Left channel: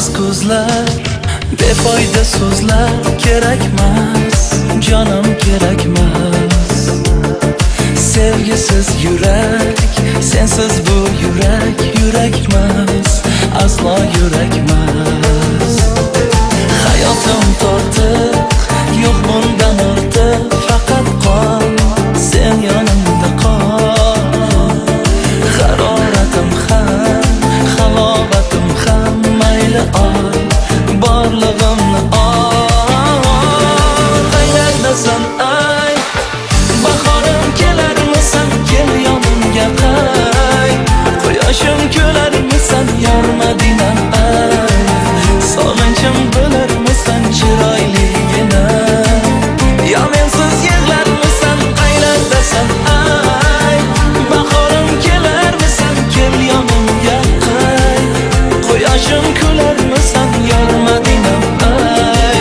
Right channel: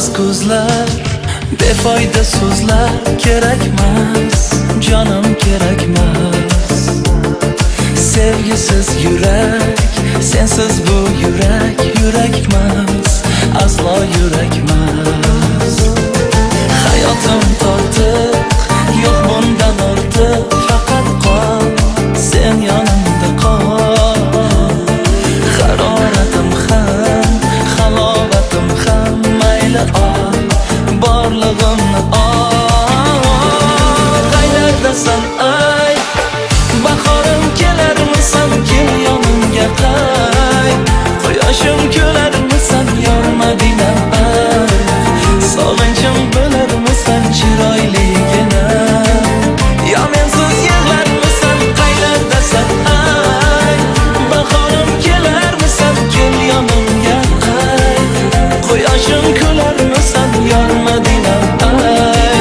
Yolsiz ko'zlar, befoyda so'zlar kerakmas, jonim kerakmas. Sevgisiz yurak, sensiz bu yurakmas, aslo yurakmas. Hayotim tortiq, yo'q bundan ortiq, faqat qol, sen yonimda qol. Haroratim ham, halovatim ham, mayli ol, borlig'imni ol. Qaylardasan ay, bahorim kelarmisan, kel yonimga qay. Quyoshim kelarmisan, yor Madinam ay. Sog'inchim bo'larmisan, chiroyligina. Yo mensiz yig'larmisan, qaylardasan ay. Bahorim kelarmisan, kel yonimga qay. Quyoshim kelarmisan, yor Madinam ay.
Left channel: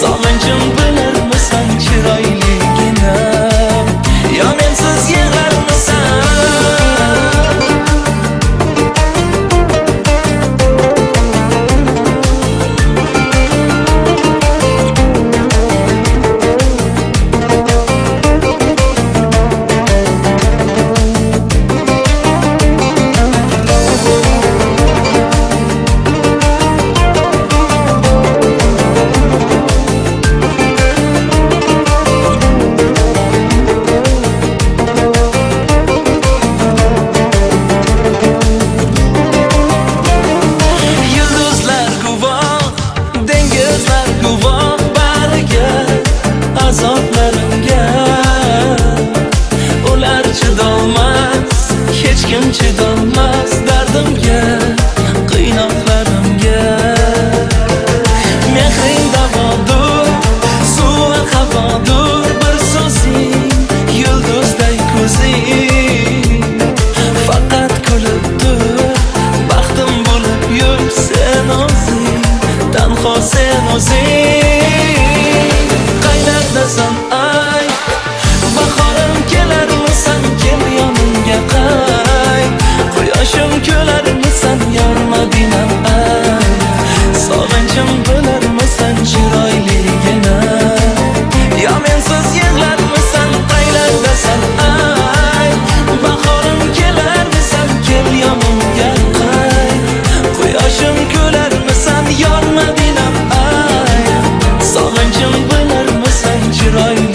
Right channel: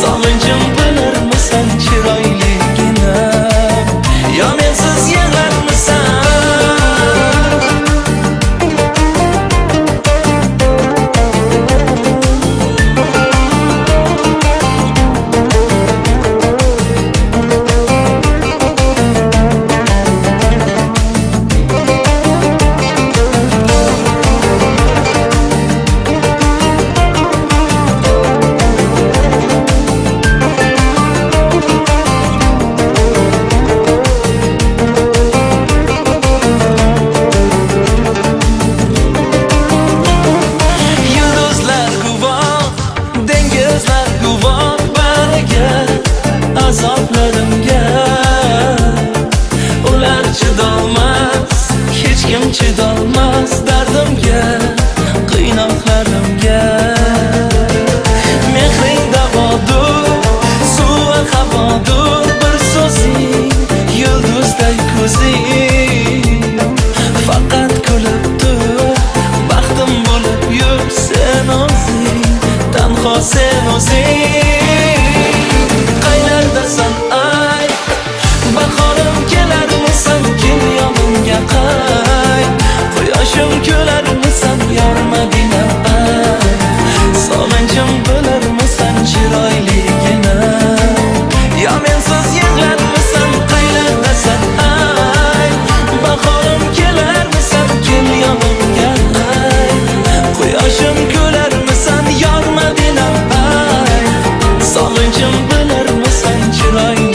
Sog'inchim bo'larmisan, chiroyligina. Yo mensiz yig'larmisan. Guvoh bariga, azoblarimga. Ular chidolmas, hech kim chidolmas dardimga, qiynoqlarimga. Mehring davodur, suvi havodur, bir so'zing, yulduzday ko'zing. Faqat kulib tur, baxtim bo'lib yur sen o'zing. Tanho sen o'zing. Qaylardasan ay, bahorim kelarmisan, kel yonimga qay. Quyoshim kelarmisan, yor Madinam ay. Sog'inchim bo'larmisan, chiroyligina. Yo mensiz yig'larmisan, qaylardasan ay. Bahorim kelarmisan, kel yonimga qay. Quyoshim kelarmisan, yor Madinam ay. Sog'inchim bo'larmisan, chiroyli